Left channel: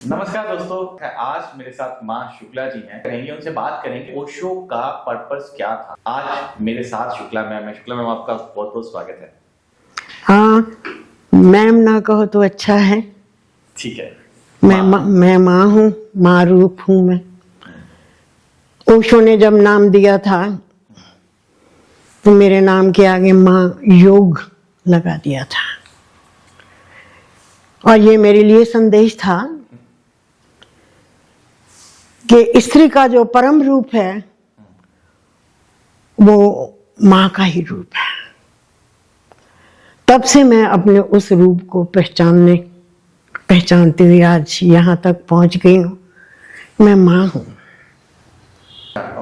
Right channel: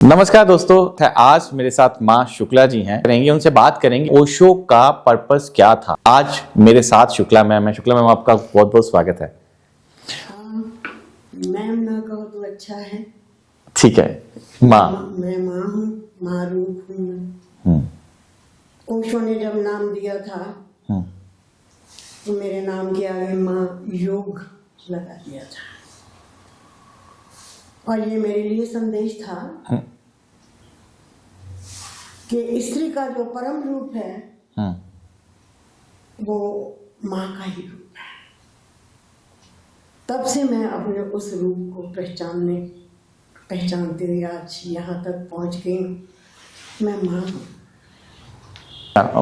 नमस्कार दोस्तों, आज मेरे साथ माँ शुक्ला जी हैं। करेंगे उनसे बात करेंगे ओशो का पर्पस क्या था। आज मेरे साथ शुक्ला मैम है। शुक्ला मैम, आपका बहुत बहुत स्वागत है। हाँ, मैम ना कहो तो अच्छा है। ठीक है। मैं माँ हूँ, माँ रूप हूँ मैं। ओशो ने जब नाम दिया था तो मेरे नाम के आगे माँ योग लगा दिया था, और ये मेरे लिए संदेश था कि स्त्री का जो परम रूप है वो माँ का ही रूप है। तब से मैं अपने उस रूप को पहचानते हुए आज यहाँ तक पहुँच गई हूँ। मैं माँ हूँ।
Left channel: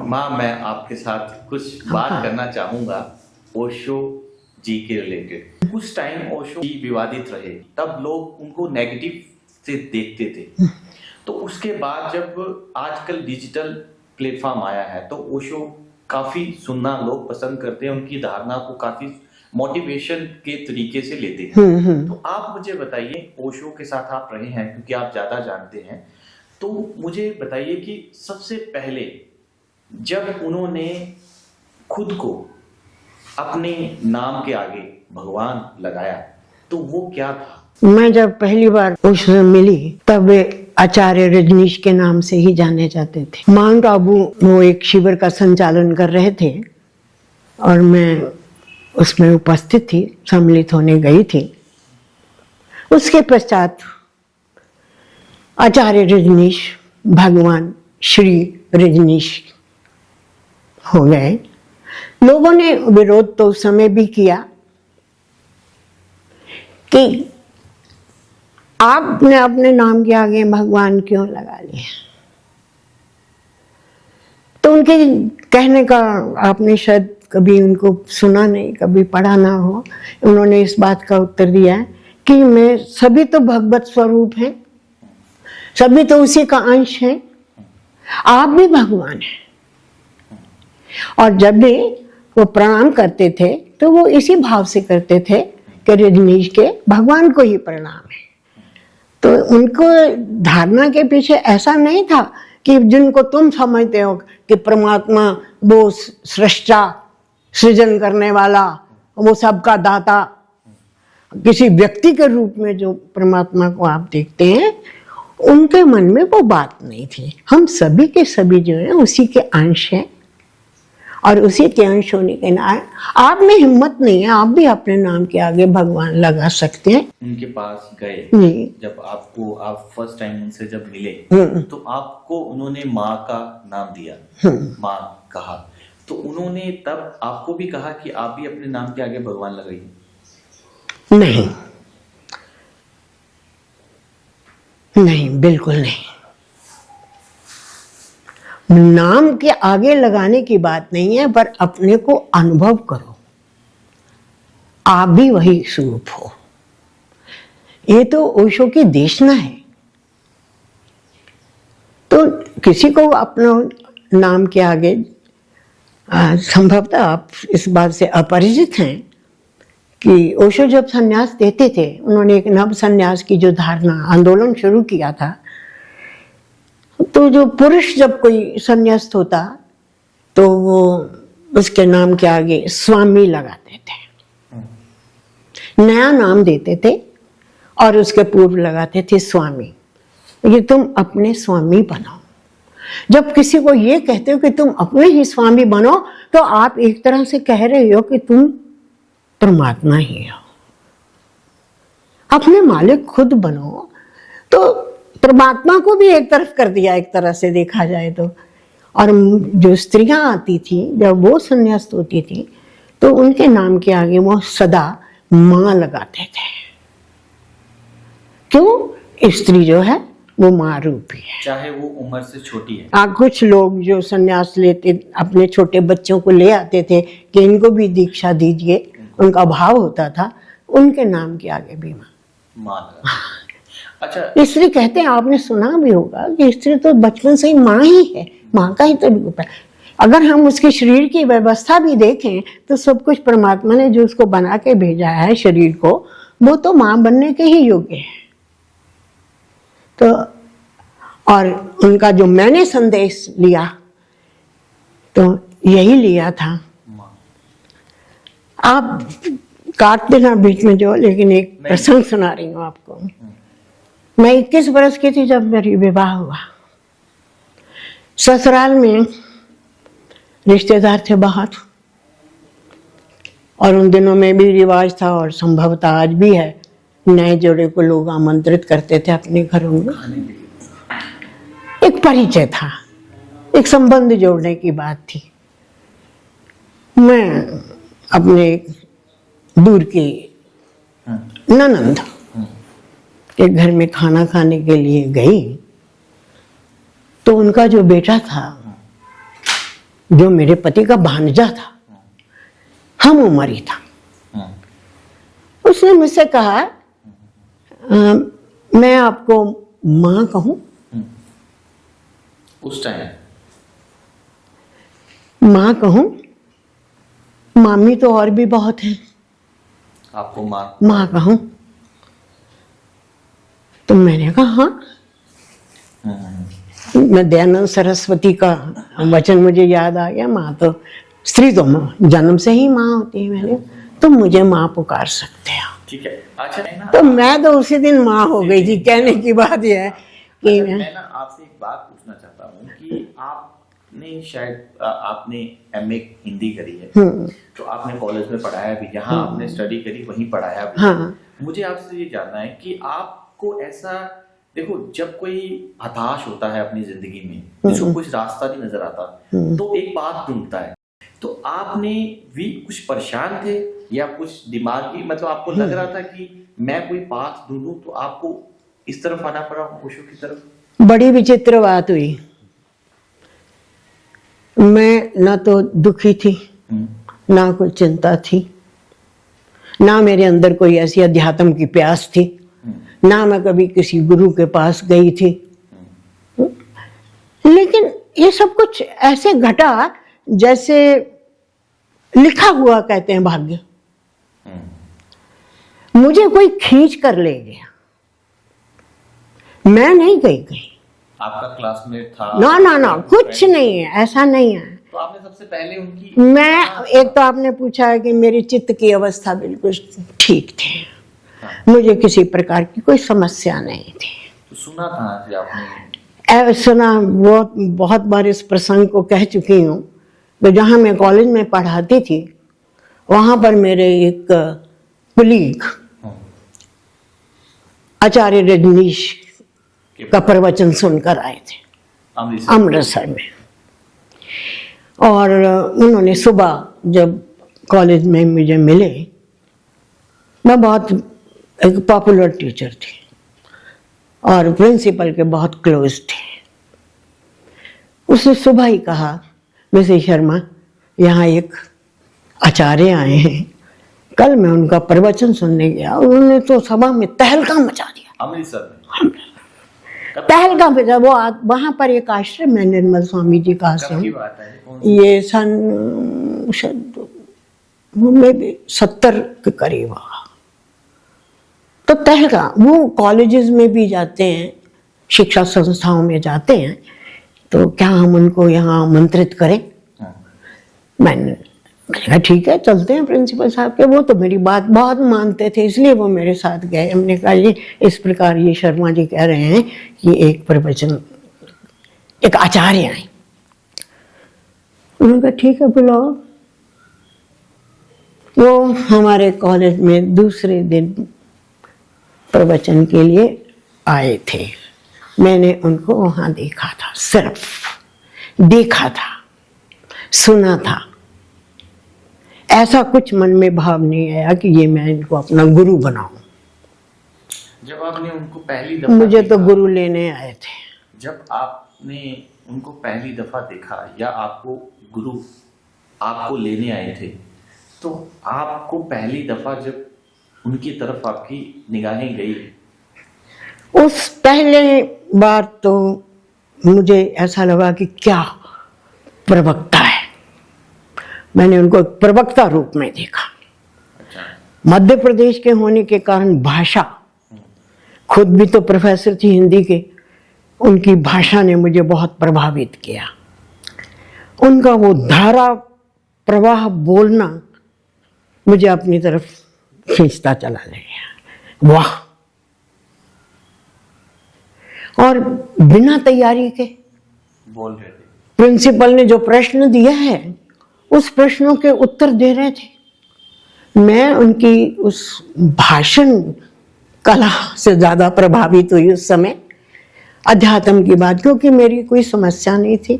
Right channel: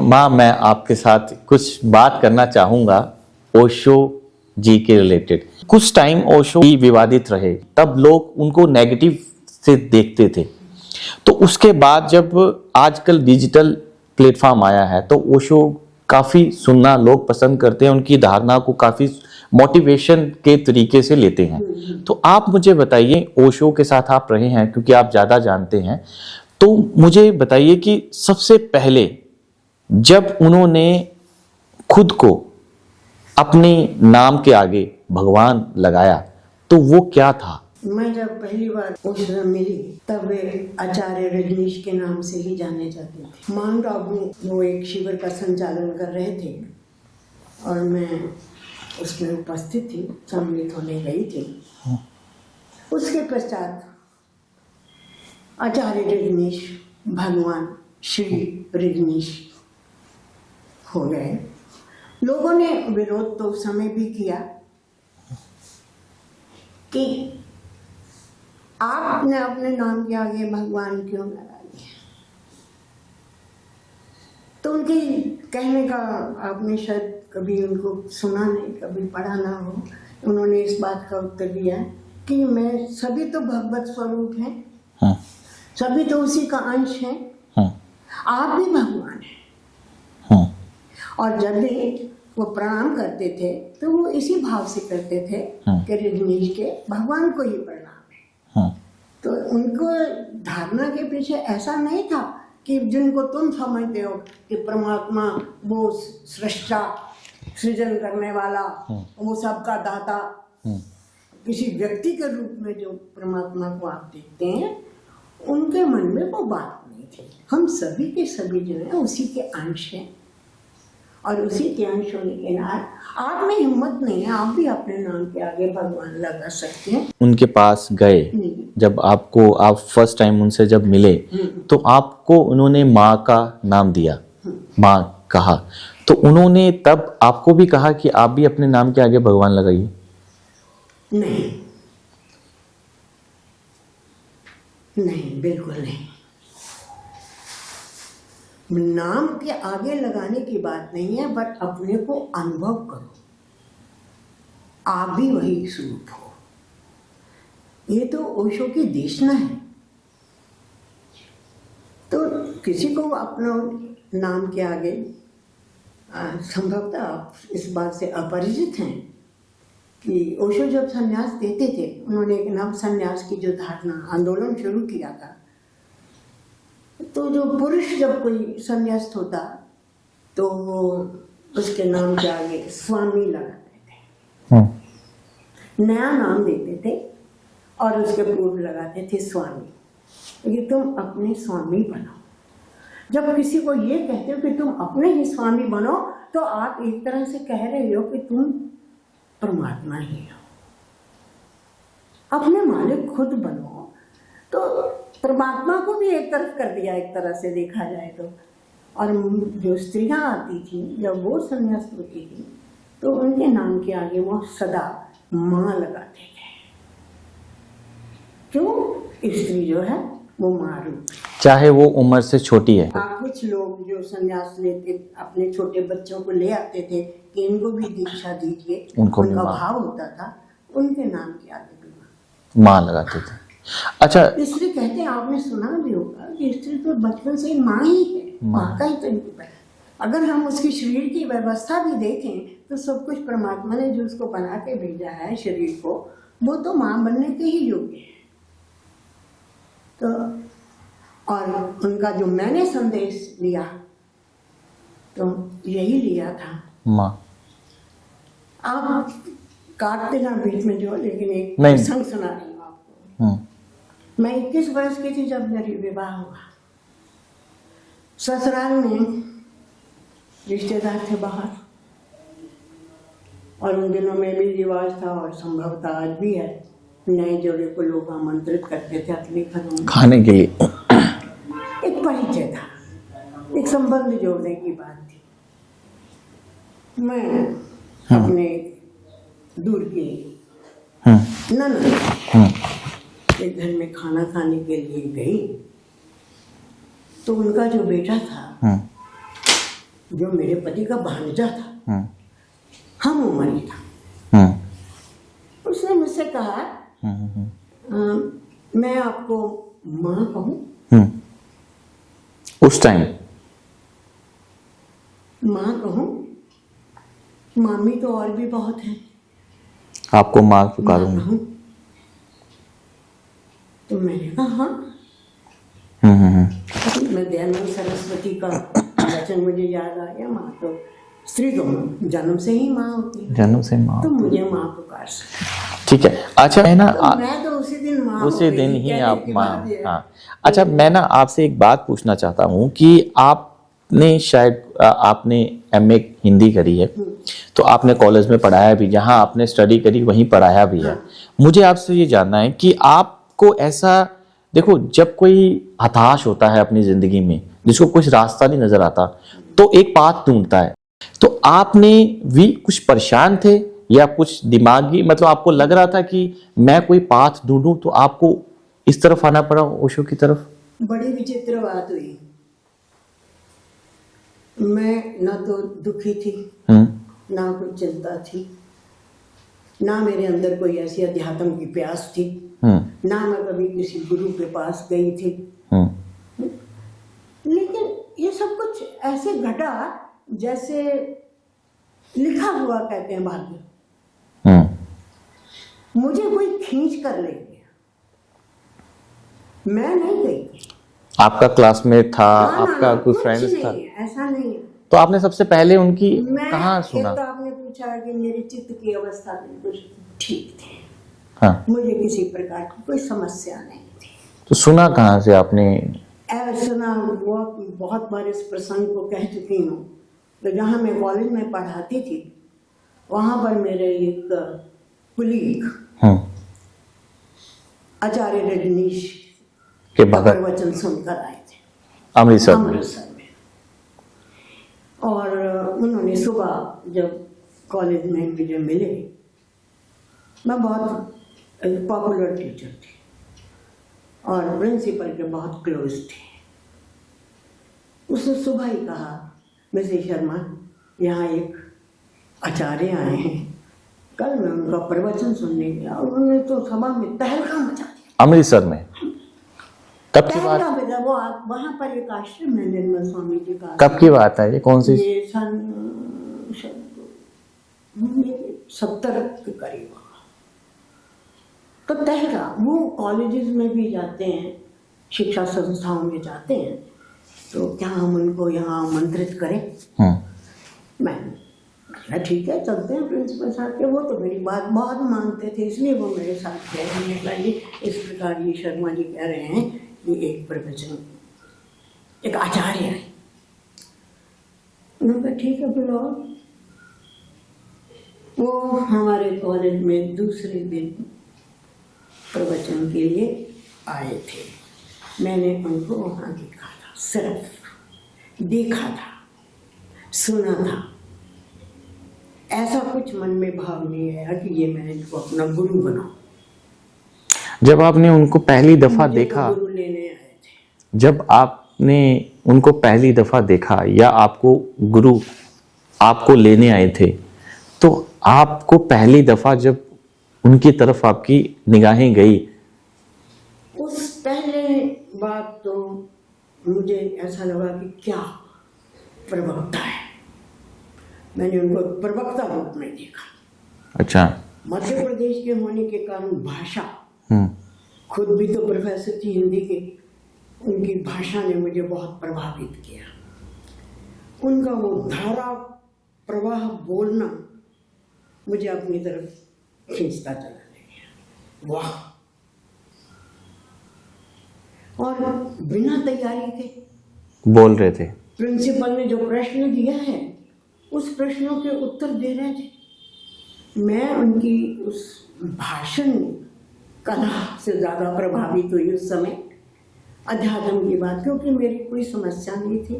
माँ, मैं आपके साथ कुछ बात करना चाहूंगा ओशो जी के रिलेटेड। कुछ टाइम ओशो ही विवादित रहे, तब लोग उनको नेगेटिव से देखते थे। तो उसके बाद जब आजकल डिजिटल प्लेटफॉर्म आया है तो ओशो काफी सुनना लोग पसंद करते हैं, उनकी धारणा को काफी मोटिवेशन के तरीके से लेते हैं। तो आप मुझे बताइए, ओशो के साथ आप रहे हैं क्योंकि आप ज्यादा जानते हैं, तो मुझे बताइए कि सबसे पहले जब उन्होंने खुद को अपने नाम के आगे भगवान लगाया तो वो क्या था? मैं जब पहली बार ओशो से मिली तब वे आचार्य रजनीश के नाम से ही जाने जाते थे। माउंट आबू वो एक शिविर का संचालन कर रहे थे और मैं उसमें उपस्थित थी, सम्मिलित होने गई थी। उसके पश्चात आचार्य रजनीश भगवान श्री रजनीश हो गए। लोगों ने विरोध तो उस समय भी किया कि आपने अपने नाम के आगे भगवान क्यों लगा लिया। तो उनके कहने का आपने शायद कभी उनको सुना नहीं, कभी पढ़ा ना हो। उन्होंने इस बात का उत्तर दिया है कि मैं सभी तो भगवत स्वरूप हैं, सभी तो उसी का अंश हैं, आप भी भगवान हैं। और जब भी वो प्रणाम करते थे तो वो इसी भाव से करते थे कि रजनीश के भगवान को ही प्रणाम है। तो उनको धारणा के पीछे ऐसा नहीं था कि जिनको तुम समझते हो कि परमात्मा वो सृष्टा, सृजन करने वाला, वो सबका दाता, किसी व्यक्ति के रूप में जो परमात्मा को आप देखते हैं, उनके मन में वो बात नहीं थी। हम सभी के सभी जो है उसी के अंश हैं, और उसी के अंश होने के नाते आप में हिम्मत नहीं है, आप भी अपने नाम के आगे भगवान लगा सकते हैं। उनके पास गए, जब आप फर्स्ट टाइम उनसे जब मिले तो आपको उन्होंने माँ का नाम दिया, माँ कहा, तो उन्होंने तब आपको भी कहा कि आप भी अपने नाम के आगे भगवान लगाइए? नहीं, बिल्कुल नहीं। नाम के आगे लगाने की बात नहीं है, पर अपने को अनुभव करो, आप भी वही स्वरूप हो। ये तो ओशो की देशना है। तो किसी को अपना नाम के आगे, संभवतः आप इस बात से अपरिचित हैं कि ओशो जब सन्यास देते थे, उन्होंने एक नव सन्यास की जो धारणा आंदोलन शुरू किया था, तो जो पुरुष जब कोई संन्यास्त होता तो वो उसके नाम के आगे स्वामी लगाते थे, नया नाम देते थे और उसके पूर्व लगाते थे स्वामी। ये तुम अपने स्वामी बनो। जब किसी को ये कहते हो कि तुम अपने ही स्वामी बनो, तो आप एक तरह से कह रहे हो कि तुम परमात्मा ही हो। अपने मालिक खुद बनो। तो परमात्मा को भी एक तरफ कर दिया, एक तरह से देखा जाए तो। और जो स्त्रियां आती थी, जब वो संन्यास्त होती थी, तो उनके नाम के आगे वो सदा माँ लगाते थे। क्यों? स्त्री जो है वो माँ रूपी है, चाहे वो उम्र से छोटी है। कुछ लोग जो संन्यास लेते अपने छोटे बच्चों को ले आते थे कि इनको भी दीक्षा दीजिए, उनका भाव होता था, उनके नाम के आगे भी माँ लगाते थे। अच्छा, स्त्री कहते हैं, आपने सुना भी होगा कि स्त्री तो बचपन से ही माँ ही है, माँ का ही तो रूप है। अगर हम उसके शरीर की व्यवस्था भी देखें तो सब कुछ परमात्मा ने जो उसको बना के भेजा है शरीर को, वो तो माँ बनने के ही योग्य है। तो और उनका जो मैंने संदेश लिया तो यही लिया था। माँ आप काट देना बीच में जो, लेकिन एक नहीं। प्रसंग सुना रही हूँ आपको। मैं 21 बरस की थी जब मेरी विवाह हुआ। ससुराल में रिश्तेदार थे बहुत, और उन दिनों में भी रिवाज था और संभवतः आज भी है, नए जोड़े को लोग आमंत्रित करते थे अपने घरों में खाने के लिए। एक परिचय था, एक संबंध जोड़ने की बात थी। मैं अपने दूर की ननद के घर में खाना खाने के लिए गई, तो उनका जो बेटा था, जो मेरे पति का भांजा था, हम उम्र ही था, उसने मुझसे कहा मैं आपको माँ कहूं? उस टाइम माँ कहूं? मामी तो और भी बहुत है, आपको माँ माँ कहूं? तो मैंने कहा हाँ। मैं दयानंद सरस्वती का वचन मुझे याद आ गया, माँ तो स्त्री तो जन्म से ही माँ होती है, जन्म से माँ। तो मुझे माँ पुकार सकते हो। ठीक है। अच्छा है ना, तो मैं तो उसी दिन माँ हो गई थी। कहने की बात यह है। हाँ। अच्छा, मैं ना आपसे एक बात पूछना चाहता हूँ कि आपने शायद आपने MA हिंदी करी है, तो आपने कॉलेज में पढ़ाया भी, जहाँ आपने स्टडी करी वहीं पढ़ाया भी है। मुझे आपसे ये जानना है कि आपको ऐसा, देखो जब कोई हताश होता है अपनी जिंदगी में, जिसको कुछ रास्ता नहीं नजर आता, तो एक पाथ ढूंढता है, तो आपने भी कुछ परेशान थे या कुछ दिमागी, मतलब आपको लग रहा था कि मैं कोई पाथ ढूंढूं, तो आपको इस तरफ आना पड़ा, ओशो की तरफ? बड़ी विचित्र बात हुई। मैं ना तो दुखी थी, ना कोई चिंता थी, ना मेरे अंदर कोई ऐसी अध्यात्म की प्यास थी, ना मैं कभी किसी गुरु के पास गई थी। लेकिन ये सब कुछ ऐसे घटा जैसे लिखा हुआ, कहते हैं भाग्य। मुझे कोई खींच कर ले गया, मैं नहीं गई कहीं। आपका क्लासमेट था? ना ना ना, कुछ नहीं है, ऐसा नहीं है। तो आपने सबसे पहले उनकी एक तो आपने पूछा है कि मेरी चित्त की अवस्था बिल्कुल ठीक थी। हाँ। मुझे किसी प्रकार की कोई समस्या नहीं थी। तो सुना कहाँ से आपने? सुना, वो बहुत बार इस प्रसंग को कह चुकी हूँ। तो जहाँ मैं कॉलेज में पढ़ाती थी, वहां पर मेरे एक कुलीग आचार्य रजनीश का प्रवचन सुनकर आए थे अमृतसर में। और उन्होंने सुबह जब कॉलेज में मुझे मिले, मैं बहुत एक पॉपुलर टीचर थी और प्रिंसिपल के बहुत क्लोज थे। उसने सुबह ही कहा, मिसेस शर्मा, यहाँ एक आचार्य आए हैं, कल मैं उनका प्रवचन सुनने गया, उन्होंने तो सभा में तहलका मचा दिया। अमृतसर में तहलका मचा। वो वहां पर एक आश्रम है निर्मल स्वामी जी का। कब की बात है ये? कौन सी? ये सन 70 के करीब होगा। तो तहलका, वो कॉलेजेस में भी जाते हैं, शिक्षा संस्थाओं में जाते हैं, तो क्या हम उनको यहाँ आमंत्रित करें? मैंने कहा ठीक है, चलते हैं प्रिंसिपल साहब के। वो तो मेरी बात बहुत मानते थे, इसलिए वो मेरे साथ गए। हमने कहा जी इस प्रकार ये शर्मा जी कह रहे हैं कि एक प्रवचन, एक आचार्य आए। उन्होंने कहा ठीक है, बुलाओ। वो हमारे कॉलेज में दूसरे दिन प्रवचन के लिए आए थे। मैंने उनको वहां देखा था, सिर्फ देखा था, सुना था। ऐसा कुछ मन में भाव नहीं आया कि ये मैं इनको अपना गुरु बनाऊं। जब आपने उनको पहली दफा मुझे देखा, तो गुरु लेने आए थे। जब आपने उनको पहली दफा देखा या आपको गुरु आपको लेने आए थे, तो आपको पहली दफा जब उनकी तरफ आपकी निगाहें गई, उस पहले बार तो मुझे ऐसा लगा कि क्या प्रवक्ता है। मैंने उनको एक प्रवक्ता रूप में देखा। अच्छा। मध्य प्रदेश के होने के कारण भाषा, खुद भी तो प्रोफेसर थी हिंदी के, उनकी भाषा ने मुझे बहुत प्रभावित किया। उनका वो धारा प्रवाह बोलना मुझे अपनी तरफ खींचता चला गया। वाह! और बिना तैयारी के बोल रहे थे। प्रिंसिपल ने जो प्रश्न दिया है उस प्रश्नों के उत्तर दे रहे थे। मैं उनकी उस भाषण कला से ज्यादा प्रभावित हुई उस समय, अध्यात्म की बात, क्योंकि मेरी कोई समस्या नहीं थी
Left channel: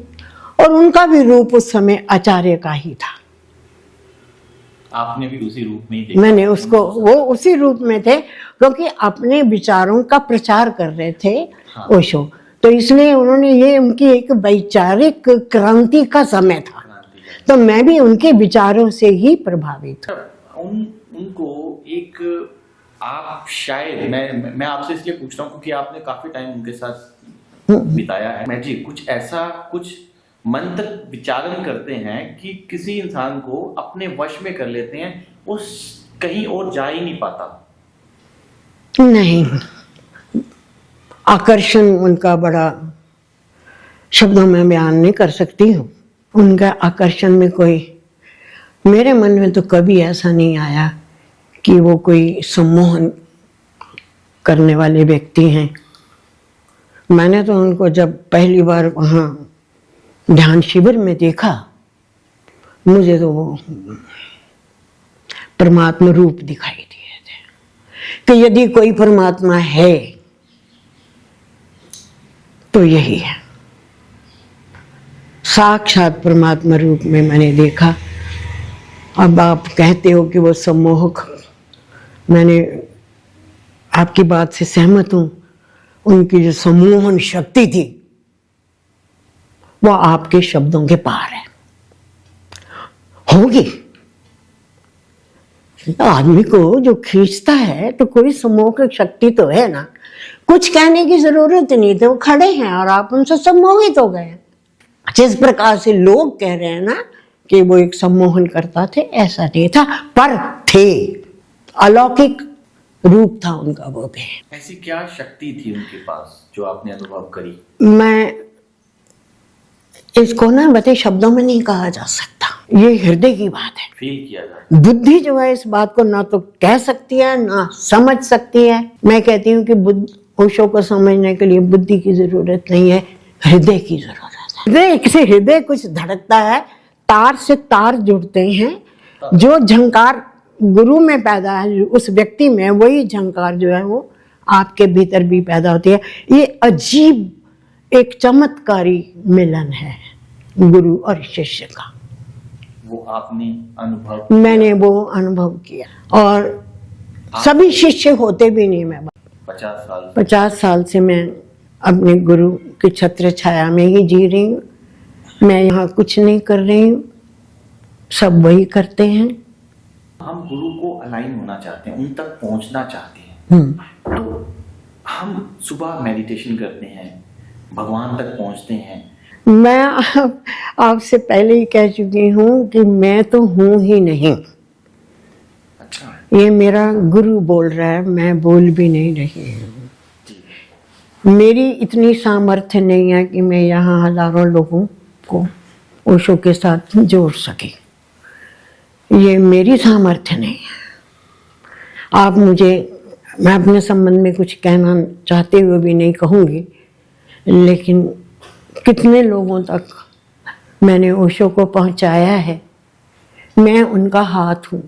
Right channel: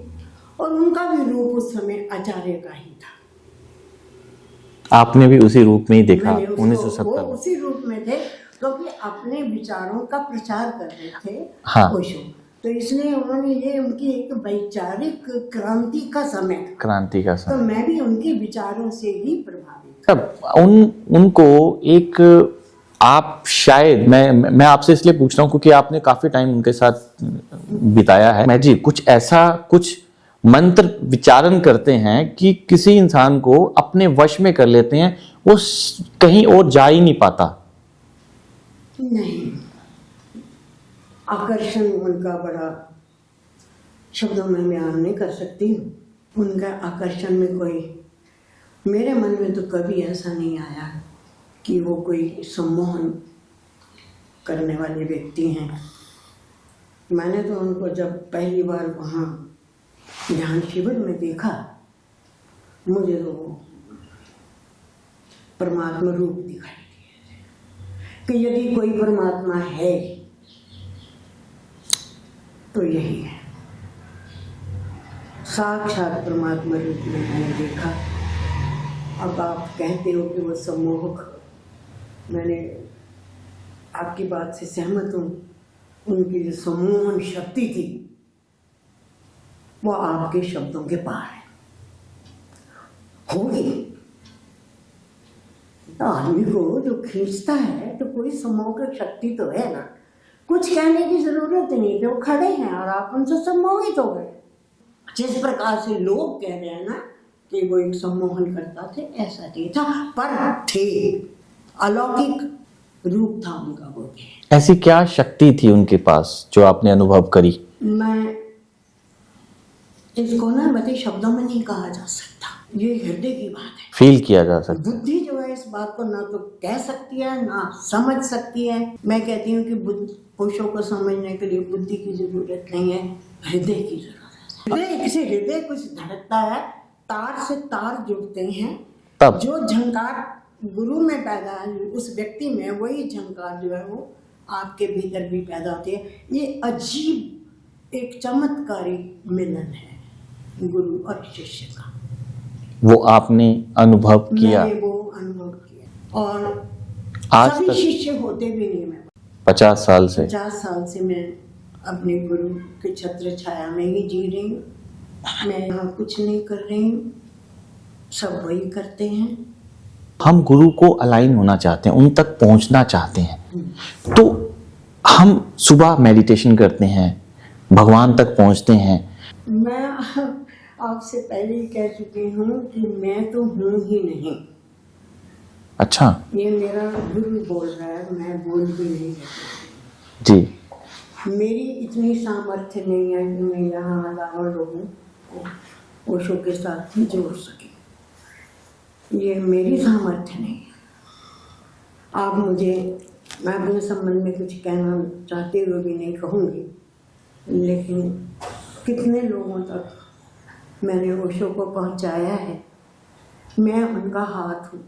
और उनका भी रूप उस समय आचार्य का ही था। आपने भी उसी रूप में ही देखा? मैंने उसको, वो उसी रूप में थे क्योंकि अपने विचारों का प्रचार कर रहे थे। हाँ। ओशो, तो इसलिए उन्होंने, ये उनकी एक वैचारिक क्रांति का समय था, क्रांति का तो मैं भी उनके विचारों से ही प्रभावित। तब उनको एक, आप शायद, मैं आपसे इसलिए पूछ रहा हूँ क्योंकि आपने काफी टाइम उनके साथ बिताया है। मैं जी कुछ ऐसा, कुछ मंत्र विचारण करते हैं कि किसी इंसान को अपने वश में कर लेते हैं, वो कहीं और जा ही नहीं पाता। नहीं, आकर्षण उनका बड़ा, शब्दों में बयान नहीं कर सकती हूँ। उनका आकर्षण में कोई, मेरे मन में तो कभी ऐसा नहीं आया कि वो कोई सम्मोहन करने वाले व्यक्ति हैं। मैंने तो उनको जब पहली बार वहाँ ध्यान शिविर में देखा, मुझे तो वो परमात्मा रूप दिखाई दिए थे कि यदि कोई परमात्मा है तो यही है। साक्षात परमात्मा रूप में मैंने देखा। अब आप कहते हो कि वो सम्मोहक, मैंने आपकी बात से सहमत हूं। उनकी जो सम्मोहन शक्ति थी वो आपके शब्दों के पार है, होगी। आदमी को जो खींचता है तो कोई सम्मोहक शक्ति तो है ना। कुछ कहने की जरूरत नहीं थी, वो खड़े हैं और आप उनसे सम्मोहित हो गए। जिस प्रकार से लोग कह रहे हैं ना कि वो एक सम्मोहन करता थे, ऐसा नहीं था, पर थे, अलौकिक रूप था उनका वो भी। ऐसी क्या शक्ति थी उनके पास जो आपने अनुभव करी? मैं इसको ना बते शब्दों में नहीं कहा जा सकता, ये हृदय की बात है, फील किया जा सकता। बुद्धि जो है इस बात को ना तो कह सकती है ना समझ सकती है। मैं कहती हूँ कि ओशो को समझने के लिए बुद्धि की जरूरत नहीं है, हृदय की जरूरत है। हृदय से हृदय कुछ धड़कता है, तार से तार जुड़ते हैं, जो झंकार गुरु में पैदा है उस व्यक्ति में, वही झंकार जो है वो आपके भीतर भी पैदा होती है। ये अजीब एक चमत्कारी मिलन है गुरु और शिष्य का। वो आपने अनुभव किया? मैंने वो अनुभव किया और सभी शिष्य होते भी नहीं। मैं 50 साल से 50 साल से मैं अपने गुरु की छत्र छाया में ही जी रही हूँ। मैं यहाँ कुछ नहीं कर रही हूँ, सब वही करते हैं। हम गुरु को अलाइन होना चाहते हैं, उन तक पहुंचना चाहते हैं, तो हम सुबह मेडिटेशन करते हैं, भगवान तक पहुंचते हैं। मैं आपसे पहले ही कह चुकी हूँ कि मैं तो हूँ ही नहीं। अच्छा, ये मेरा गुरु बोल रहा है, मैं बोल भी नहीं रही जी। मेरी इतनी सामर्थ्य नहीं है कि मैं यहाँ हजारों लोगों को ओशो के साथ जोड़ सके, ये मेरी सामर्थ्य नहीं है। आप मुझे, मैं अपने संबंध में कुछ कहना चाहते हुए भी नहीं कहूँगी, लेकिन कितने लोगों तक मैंने ओशो को पहुँचाया है, मैं उनका हाथ हूँ।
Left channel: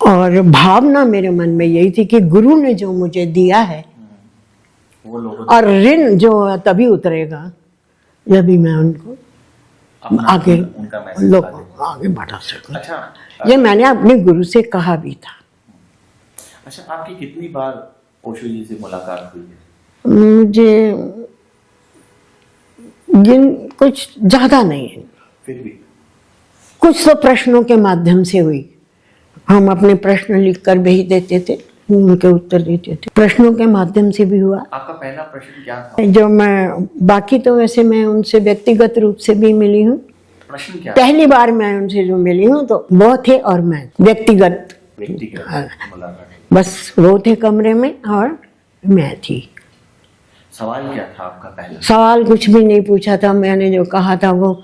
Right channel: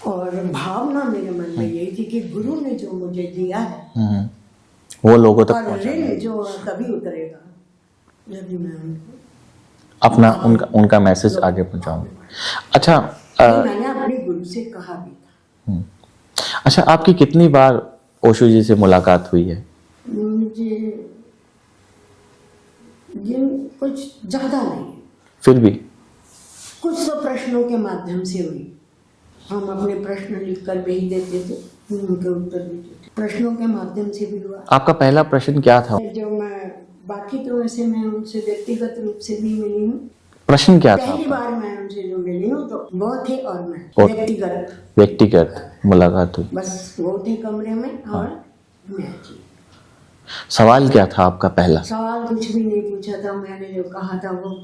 और भावना मेरे मन में यही थी कि गुरु ने जो मुझे दिया है वो लोगों तक, और ऋण जो तभी उतरेगा जब भी मैं उनको अपना उनका मैसेज आगे बढ़ा। अच्छा, ये मैंने अपने गुरु से कहा भी था। अच्छा, आपकी कितनी बार ओशो जी से मुलाकात हुई है? मुझे कुछ ज्यादा नहीं है, फिर भी कुछ तो प्रश्नों के माध्यम से हुई। हम अपने प्रश्न लिखकर भेज देते थे, उनके उत्तर देते थे, प्रश्नों के माध्यम से भी हुआ। आपका पहला प्रश्न क्या था? जो मैं, बाकी तो वैसे मैं उनसे व्यक्तिगत रूप से भी मिली हूँ। प्रश्न क्या पहली बार मैं उनसे जो मिली हूँ तो वो थे और मैं व्यक्तिगत मुलाकात हुई? बस वो थे कमरे में और मैं थी। सवाल क्या था आपका पहला? सवाल कुछ भी नहीं पूछा था, मैंने जो कहा था वो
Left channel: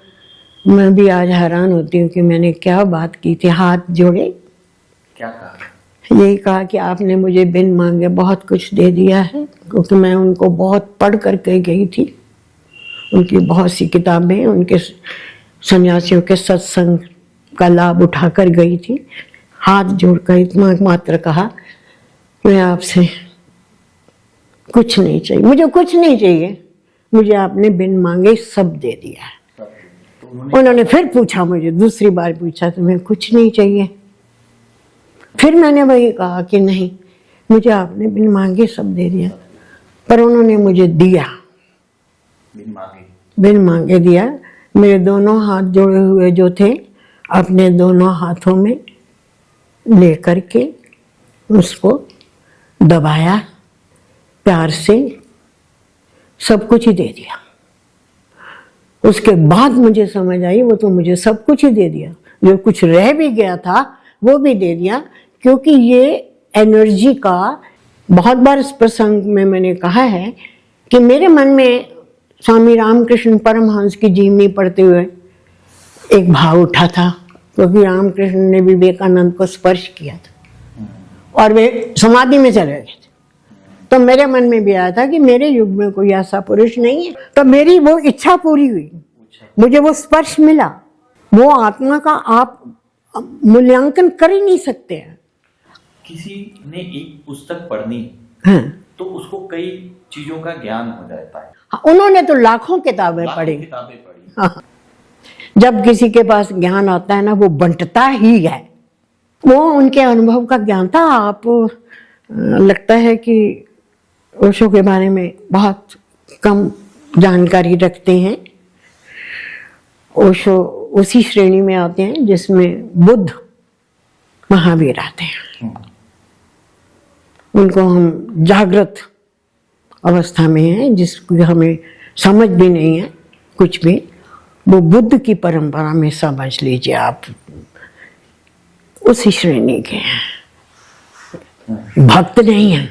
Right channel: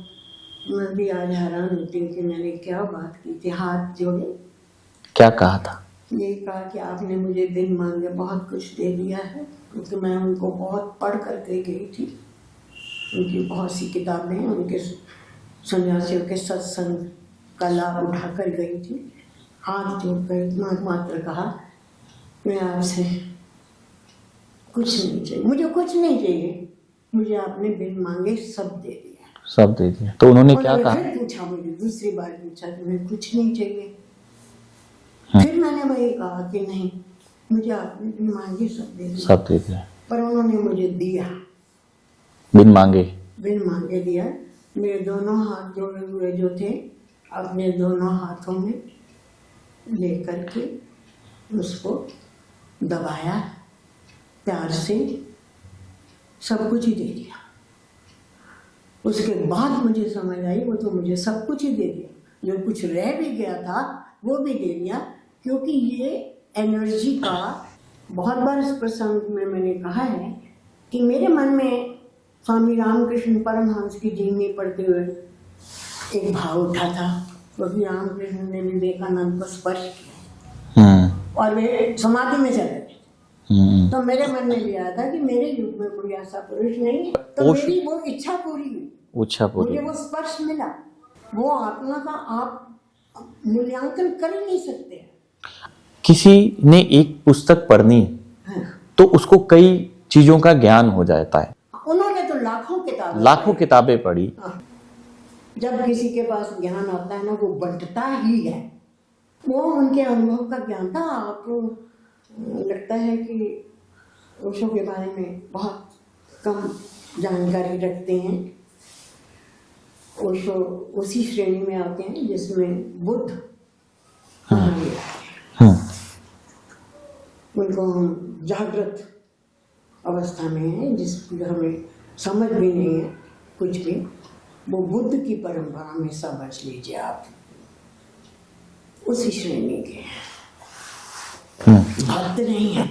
मैं भी आज हैरान होती हूँ कि मैंने क्या बात की थी। हाथ जोड़े, क्या कहा था? यही कहा कि आपने मुझे बिन मांगे बहुत कुछ दे दिया है, क्योंकि मैं उनको बहुत पढ़ करके गई थी, उनकी बहुत सी किताबें, उनके सन्यासियों के सत्संग का लाभ उठाकर गई थी। हाथ जोड़कर इतना मात्र कहा, मैं आपसे कुछ नहीं चाहिए, मुझे कुछ नहीं चाहिए, मुझे आपने बिन मांगे सब दे दिया है। सब दे दिया। तो उन्होंने क्या फिर पूछा, मुझे दूसरी बार पूछा, तुम्हें कुछ नहीं चाहिए? फिर मैंने वही कहा कि नहीं, मुझे आपने बिन मांगे सब दे दिया। सब दे दिया। पर उन्होंने मुझे दिया, बिन मांगे? बिन मांगे दिया। मेरे दोनों हाथ जोड़े हुए जो थे, अपने दोनों हाथों में ले करके उसको दबाया, प्यार से सब कुछ ही दे दिया। उसके बाद मुझे समझ आई, वो तो मुझे सब कुछ ही दे दिया, जो कुछ रह भी गया था वो भी दे दिया। क्योंकि ये एनर्जी का, बहुत बार इस प्रसंग में मैंने कहा है कि मेरे मन में स्वामी रामकृष्ण परमहंस की जीवनी पढ़ते हुए एक भाव उठा था, क्योंकि रामकृष्ण ने विवेकानंद को स्पर्श किया था और वे समाधि में चले गए थे। तो मेरे मन में भी आया था कि मेरे युग में कोई ऐसा पुरुष नहीं है। तो मेरी वो इच्छा पूरी हुई, मुझे वो स्पर्श मिला। वो आत्मा का आप मूल्यांकन कर ही नहीं सकते हैं। किसी ने एक पुस्तक पढ़नी तो उसको कई चीजों का ज्ञान हो जाता है। उन्होंने तो लाखों किताबें पढ़ी। जब किसी के पास ज्ञान आता है ना, वो बंटता ही है। वो उनके अनुभव का ज्ञान था। आप लगता है कि ओशो के बारे में बहुत कम जानकारी रखते हैं। ओशो उसी श्रेणी में आते हैं जिसमें बुद्ध, महावीर आते हैं। उनको हम जागृत अवस्था में हैं, जिसकी हमें समझ भी नहीं है कुछ भी। वो बुद्ध की परंपरा में समझ लीजिए आप, उसी श्रेणी के हैं। भक्त नहीं है।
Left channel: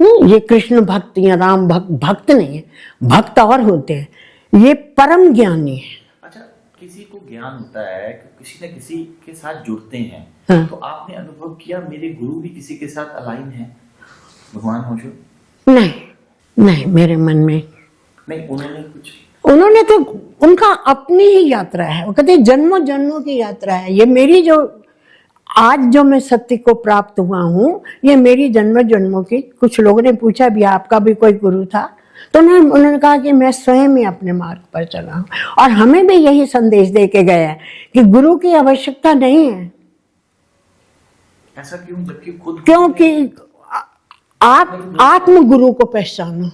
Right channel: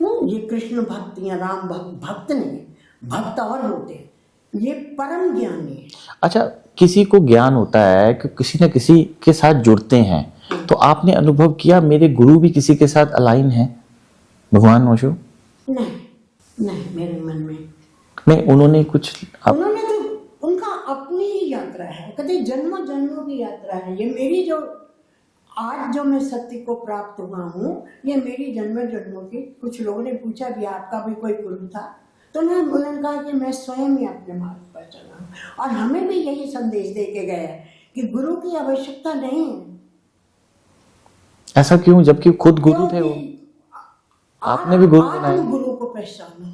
ये कृष्ण भक्त या राम भक्त नहीं है। भक्त और होते हैं, ये परम ज्ञानी है। अच्छा, किसी को ज्ञान होता है कि किसी न किसी के साथ जुड़ते हैं। तो आपने अनुभव किया मेरे गुरु भी किसी के साथ अलाइन है, भगवान ओशो? नहीं, मेरे मन में नहीं। उन्होंने तो उनका अपनी ही यात्रा है। वो कहते जन्मों जन्मों की यात्रा है। ये मेरी जो आज जो मैं सत्य को प्राप्त हुआ हूँ, ये मेरी जन्म जन्मों की। कुछ लोगों ने पूछा भी, आपका भी कोई गुरु था? तो उन्होंने कहा कि मैं स्वयं ही अपने मार्ग पर चला हूँ। और हमें भी यही संदेश दे के गया है कि गुरु की आवश्यकता नहीं है। ऐसा क्यों, जबकि खुद गुरु थे? क्योंकि आप आत्म गुरु को पहचानो।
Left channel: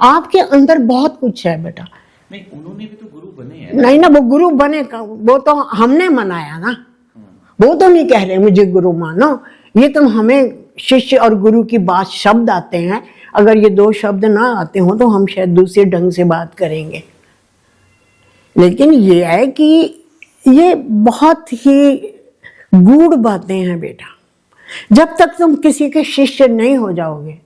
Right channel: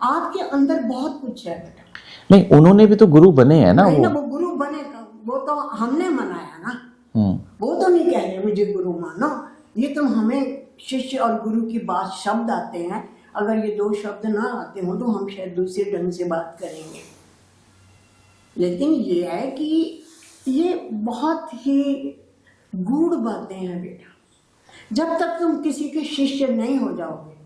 आपके अंदर बहुत कुछ है बेटा। नहीं, उन्होंने भी तो गुरु बने हैं ना। नहीं ना, वो गुरु बने का वो तो हमने मनाया ना। वो तो नहीं कह रहे मुझे गुरु मानो। ये तो हमें शिष्य और गुरु की बात, शब्द आते हैं। अगर ये दो शब्द ना आते हो तो हम शायद दूसरे ढंग से बात करेंगे। लेकिन ये है कि ये बहुत ही गूढ़ बातें हैं बेटा। जब तक तुम किसी के शिष्य नहीं हो जाओगे,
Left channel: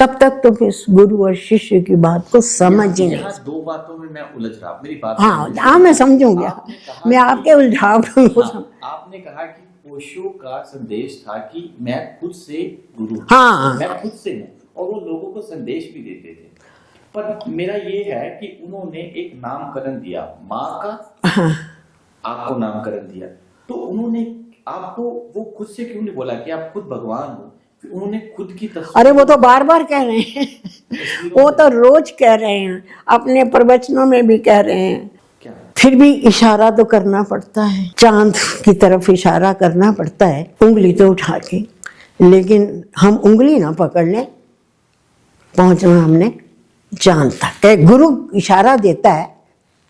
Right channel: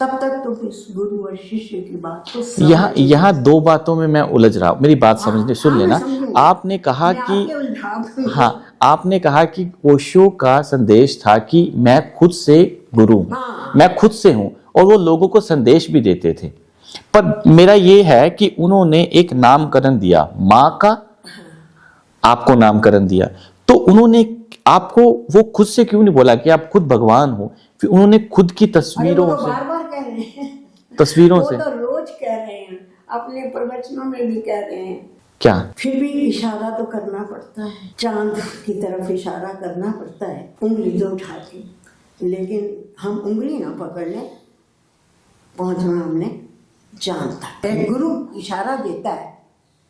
तब तक तुम इस गुरु और शिष्य की बात को समझ। यहाँ दो बातों में मैं उलझ रहा हूँ, मेरी बात मैं समझूंगी। आपने कहा मैं आपके उलझाव आपने कहा कि ओशो का संदेश था कि मैं खुद से गुरु, मैं खुद से हूँ, और वो लोगों को संदेश भी देते थे। पर मेरा ये है कि उन्होंने एक नामकरण दिया, माँ का आपको नामकरण दिया। तो उन्होंने आपको वो खुद से क्यों नहीं बोला कि आप खुद भगवान हो? फिर उन्होंने खुद की तस्वीरों, अरे वो तो बार बार कह रहे हैं तस्वीरों वो तो रोज कह रहे हैं, अपने प्रवचनों में भी कह रहे हैं। क्या? फिर भी इशारा तो करना पड़ता है, चांद की तरफ इशारा करना पड़ता है, उंगली तो उठा के। लेकिन हम उंगली ना पकड़ ले, पहुंचना हमने चांद तक। गुरु इशारा देता है,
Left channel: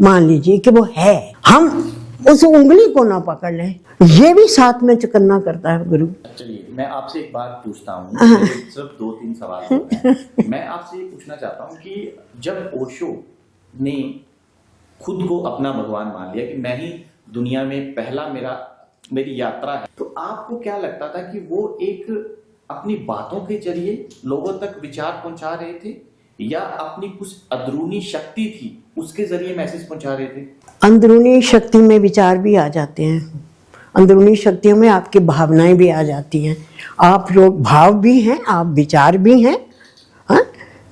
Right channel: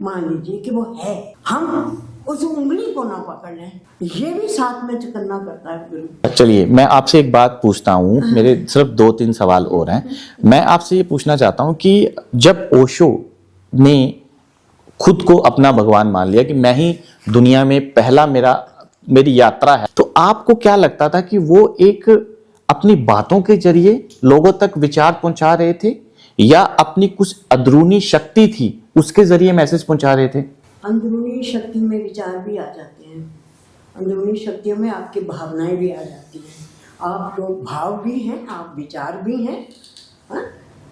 मान लीजिए कि वो है, हम उस उंगली को ना पकड़ लें, ये भी साथ में करना करता है गुरु। चलिए, मैं आपसे एक बात पूछता हूँ। मेरे सिर्फ 2-3 सवाल और हैं। मैं आपसे ये पूछना चाहता हूँ कि जब ओशो ने खुद को अपना भगवान मान लिया कि मैं ही दुनिया में पहला मेरी यात्रा है, तो आपको क्या लगता था कि वो एक अपनी बातों के जरिए लोगों तक विचार पहुंचा रहे थे या अपनी कुछ अंदरूनी शक्ति थी उसके जरिए मैसेज पहुंचा रहे थे? अंदरूनी शक्ति में विचार भी आ जाते हैं, अंदरूनी शक्तियों में आपकी भावनाएं भी आ जाती हैं। आप लोग भाव भी हैं, आप विचार भी हैं। हाँ,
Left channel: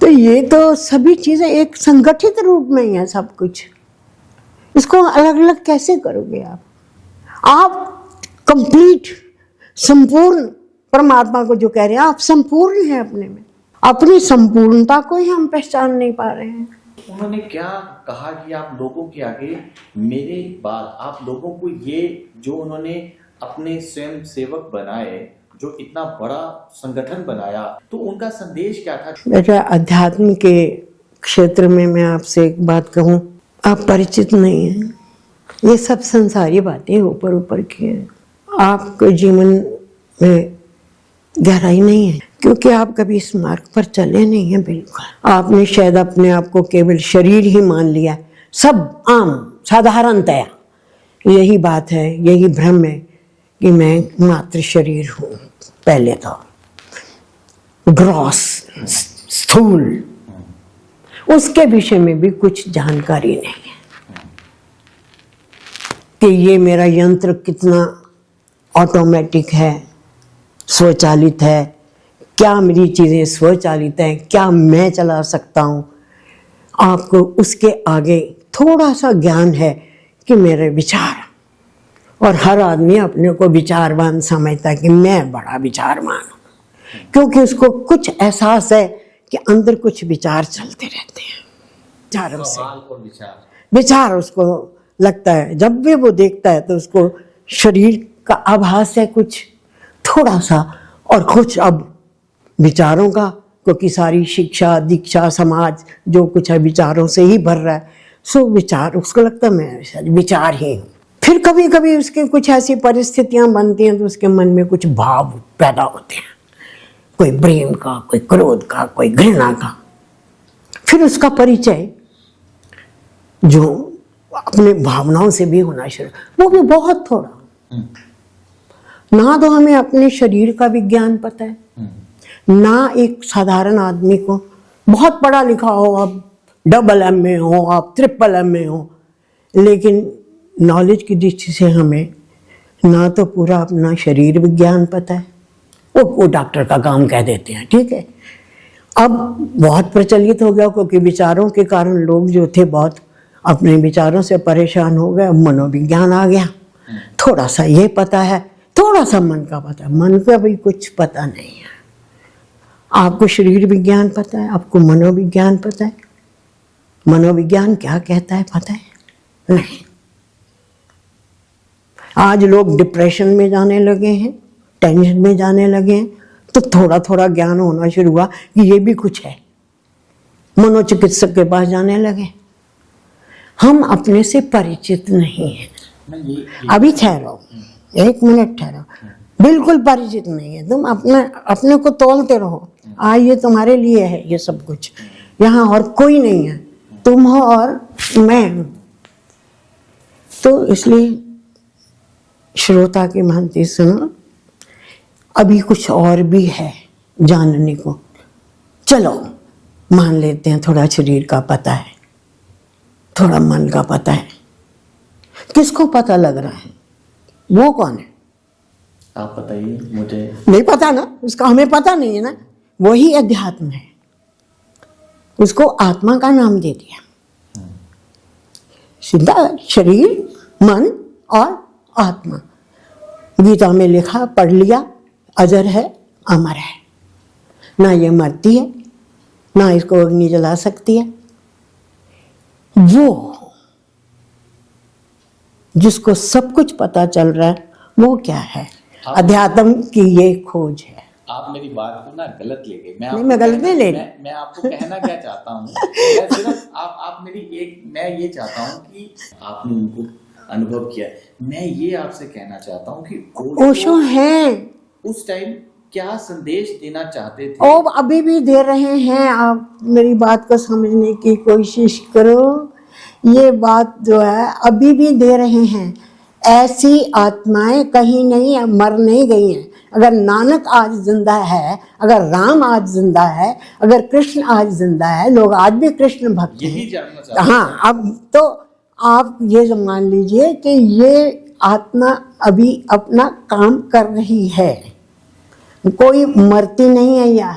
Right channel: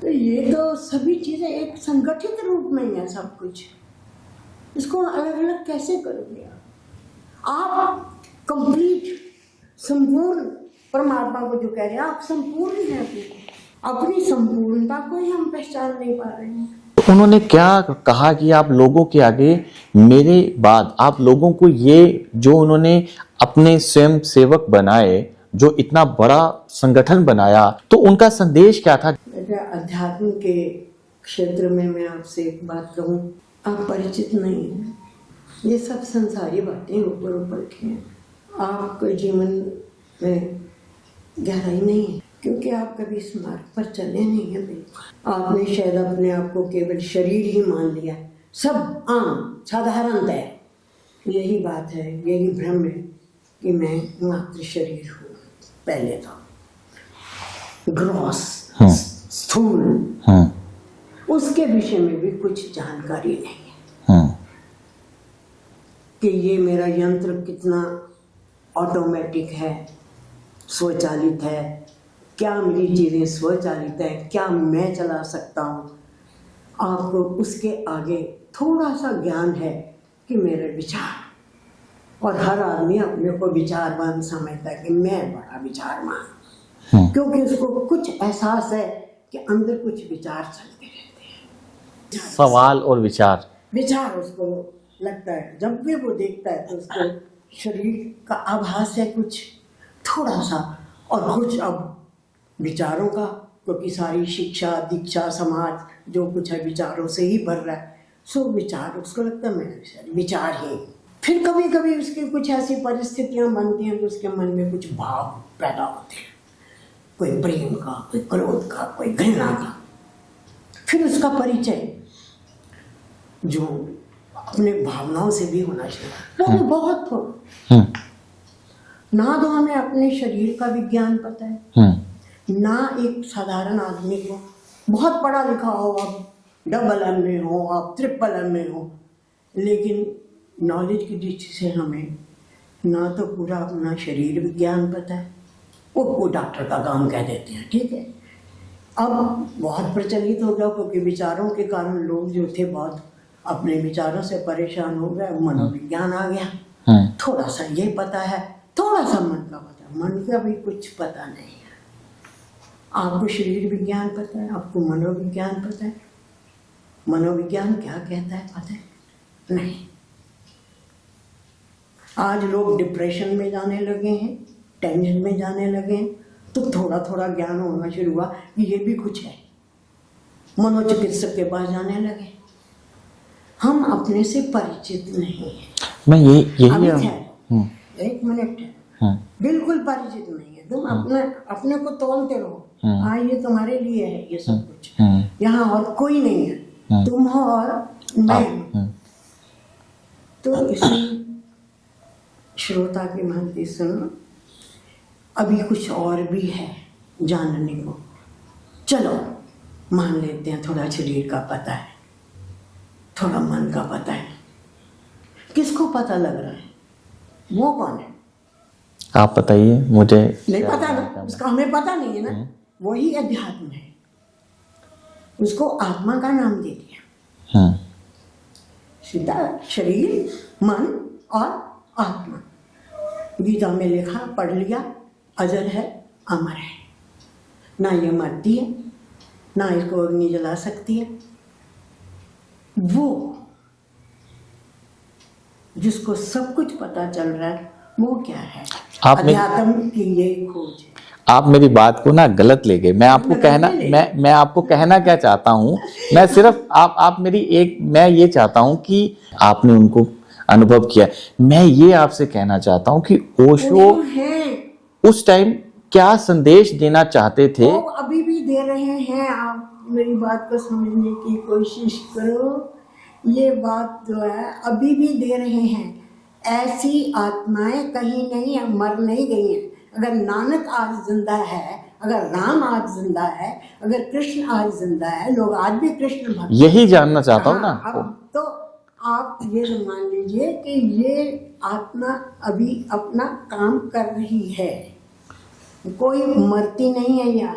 तो ये तो सभी चीज़ें एक संगठित रूप में ही है सब कुछ। इसको अलग अलग कैसे करोगे आप कंप्लीट संपूर्ण परमात्मा को जो कह रहे हैं, आप संपूर्ण हैं अपने में। अपनी संपूर्णता को ही हम पहचान नहीं पा रहे हैं। तो उन्होंने क्या कहा कि आप लोगों के आगे मेरे बाद आप लोगों को ये जो उन्होंने अपने स्वयं सेवक बनाए, जो इतना बड़ा संगठन बनाया, तो उनका संदेश क्या था? बेटा, अध्यात्म के क्षेत्र में मैं आपसे एक बात कहूँ, आप परिचित नहीं हैं। ये सब संसारी बातें ऊपर ऊपर की हैं। आपके जीवन में गहराई नहीं है क्योंकि आप कभी इस मार्ग पर चले नहीं हैं। बिल्कुल आपने शायद अपने आप को केवल शरीर ही मान लिया। सब आम साधारणतया यही बात है, यही भ्रम है कि मैं मात्र शरीर हूँ। पहले तो ग्रॉस स्थूल, उसके विषय में भी कुछ जानकारी नहीं है कि ये मेरा यंत्र कितना ऑटोमेटिक है, स्वचालित है, क्या मेरी चीज़ें स्वचालित हैं, क्या मैं चला सकता हूँ। आपको उसके आगे थोड़ा सा ज्ञान है कि मेरे विचार, और हर आदमी अपने को विचारवान समझता है कि मैं बड़ा विचारवान हूँ, क्योंकि उसको कुछ एहसास है कि अंदर कुछ विचार चलते रहते हैं। सवाल और विचार उसको लगता है, जब भी वो देखता है तो उसको शरीर का आभास है कुछ थोड़ा सा, और कुछ अब विचारों का, क्योंकि सारी शिक्षा दीक्षा समाज जो कुछ है विचारों से ही भर रहा है। सो विचार उसको लगता है मैं विचार ही। फिर कभी कभी उसके कुछ ऐसी परिस्थितियां बनती हैं तो उसके मन में कुछ भाव पैदा होते हैं, कोई प्रेम का, कोई क्रोध का, कोई घृणा का। फिर उसका परिचय जो अपने भावनाओं से भी होना शुरू, वो भी बहुत थोड़ा। ना तो हमें अपने शरीर का विज्ञान पता है, ना एक साधारण आदमी को बहुत पढ़ा लिखा हो, आप डबल एम में हो, आप ट्रिपल एम में हो, लेकिन नॉलेज की दृष्टि से हमें ना तो पूरा अपना शरीर विज्ञान पता है। वो डॉक्टर का काम कह देते हैं, ठीक है। अब बहुत प्रचलित हो गया क्योंकि विचारों के कारण लोग जो थे बहुत अपने विचारों से परेशान हो गए। मनोविज्ञान आ गया, थोड़ा सा ये पता है, थोड़ा सा मन का पता है। मन का भी कुछ पता नहीं है। आपको शरीर विज्ञान पता है, आपको मनोविज्ञान पता है। मनोविज्ञान क्या कहता है पता है? नहीं। आज लोग डिप्रेशन में जाने लगे हैं, टेंशन में जाने लगे हैं, तो थोड़ा थोड़ा ज्ञान होना शुरू हुआ कि ये भी कुछ है। मनोचिकित्सक के पास जाने लगे। हम अपने से परिचित नहीं हैं। मैं ये अभी ठहरो, एक मिनट ठहरो। बिल्कुल परिचित नहीं है। तुम अपने को तोलते रहो। आज ये तुम्हारे लिए है, ये सब कुछ यहाँ और कोई नहीं है, तुम हो और मैं हूँ। तो इसलिए श्रोता की भांति सुनो, अभी कुछ और भी है जानने को। चलो मान लेते हैं थोड़ा शरीर का पता है, थोड़ा मन का पता है। किसको पता लग रहा है? वो कौन है? आप बताइए, मुझे नहीं पता ना, उसका हमें पता नहीं है ना। वही अध्यात्म है, उसको आत्मा का नाम दे दिया। सीधा शरीर, मन और आत्मा। गीता में लिखा, पढ़ लिया, अजर है, अमर है, ना ये मरती है, ना इसको अग्नि जला सकती है। वो जिसको सब कुछ पता चल रहा है, वो क्या है? अध्यात्म की ये खोज है। आप मेरी बात को ना गलत ले गए। मैं आपको कहना क्या चाहता हूँ, मैं सिर्फ आप मेरी मैं ये चाहता हूँ कि आपने उनको अनुभव किया। मैं ये आपसे कहना चाहता हूँ कि ओशो है उस टाइम क्या संदेश देना चाहते थे? वो अभी भी दे रहे हैं। आप मेरी बात को समझने की कोशिश करो। ये बात जो है अभी भी दे रहे हैं। ऐसी आत्माएं कहीं नहीं मर नहीं गई हैं। अगर नानक आज जिंदा है, अगर राम आज जिंदा है, अगर कृष्ण आज जिंदा है, लोग आज भी कृष्ण भक्त। यही जानना चाहता हूँ। हाँ, अब तो आप ये मान लीजिए कि ये आत्मा अभी अपना काम कर रही है, कोई मरती नहीं है। या